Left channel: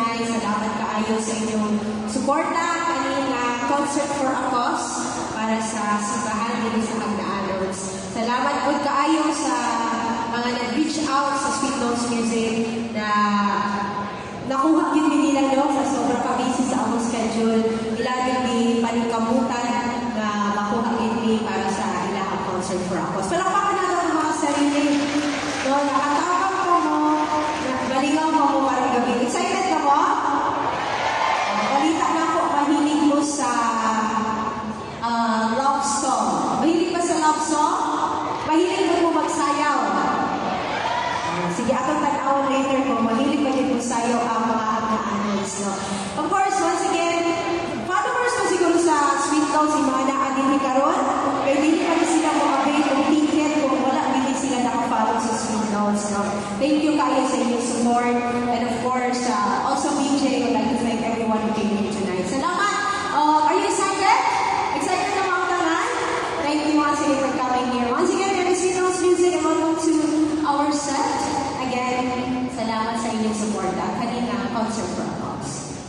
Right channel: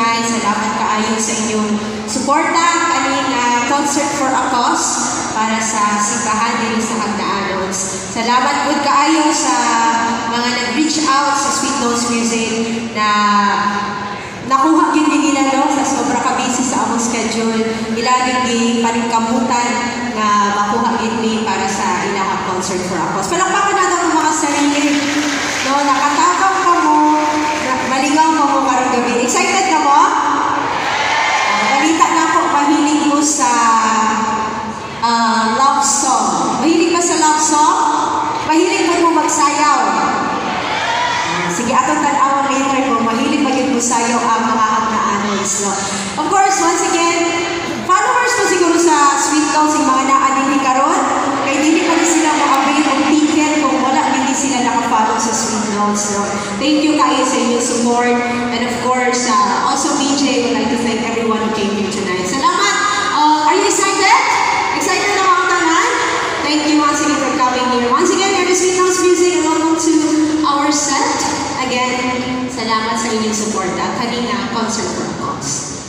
tonight. Salamat kaayo sa inyong suporta kaning concert for a cause para sa simbahan dito sa Hagdaanos. Salamat po kaayo sa mga nag-reach out sa Sweet Notes Music na nakuha gid nila sa sobra ka busy sa among schedule. Ila din paningkamutan na makuha gid para sa ilang concert for a cause. Palakpakan natin ang mga sarili. No, nakatabang ka mo, maligaw mo karong gabi. Excited ka mo? Balita na ako, mahilig mo sa love song. Mahilig ba sa love song? Mahilig mo magsayaw? Sige, atong tan-awon later ko, mahilig ba yun mo sayaw ang mga Hagdaanos, no? Of course, once again, followers ko siguro sa Sweet Notes, yung mga naadili karon, kaya hindi pa rin sila ma-avail ng ticket kung wala hindi sila nakafollow sa Sweet Notes, no? Thank you kayo sa inyong support, and of course, also BJ, would like to thank everyone who came here tonight. Salamat! Are you excited? Excited na mga tanan? Thank you once again for coming here. Once again, here is Sweet Notes Music, and welcome to our set. Again, salamat sa inyong support at kanina concert for a cause.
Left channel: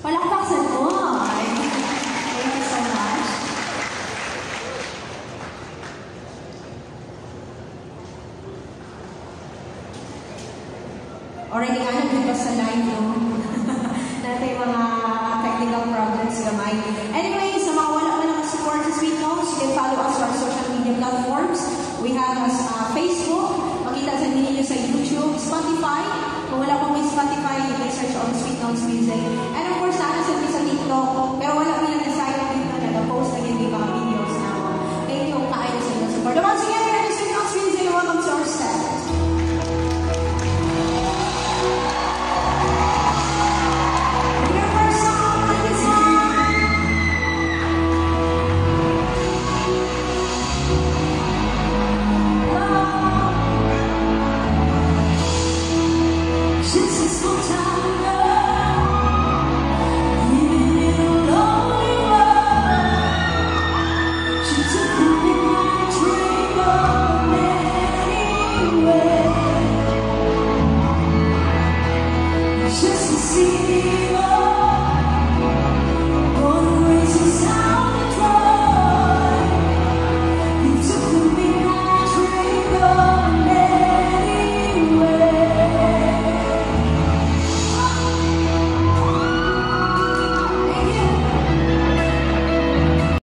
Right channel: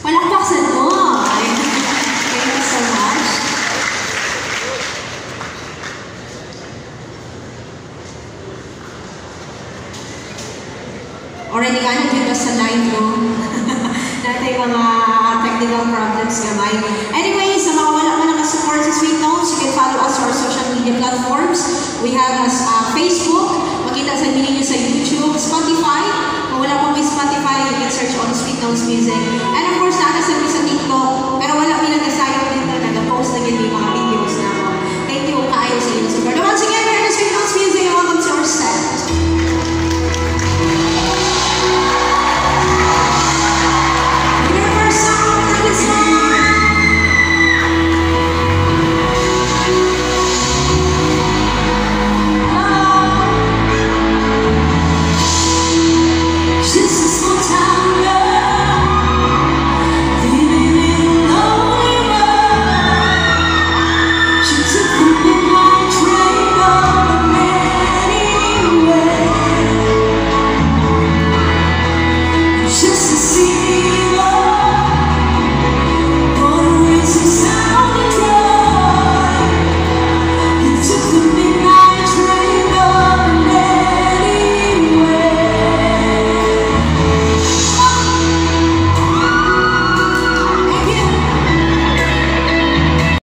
Palakpakan mo! Thank you so much. Already ano dito sa live ko. Natay mga technical problems gamay. Anyway, sa mga wala man nakasupport sa Sweet Notes, you can follow us on our social media platforms. We have Facebook, makita sa ninyo sa YouTube, Spotify. Kung wala po may Spotify, you can search on Sweet Notes Music.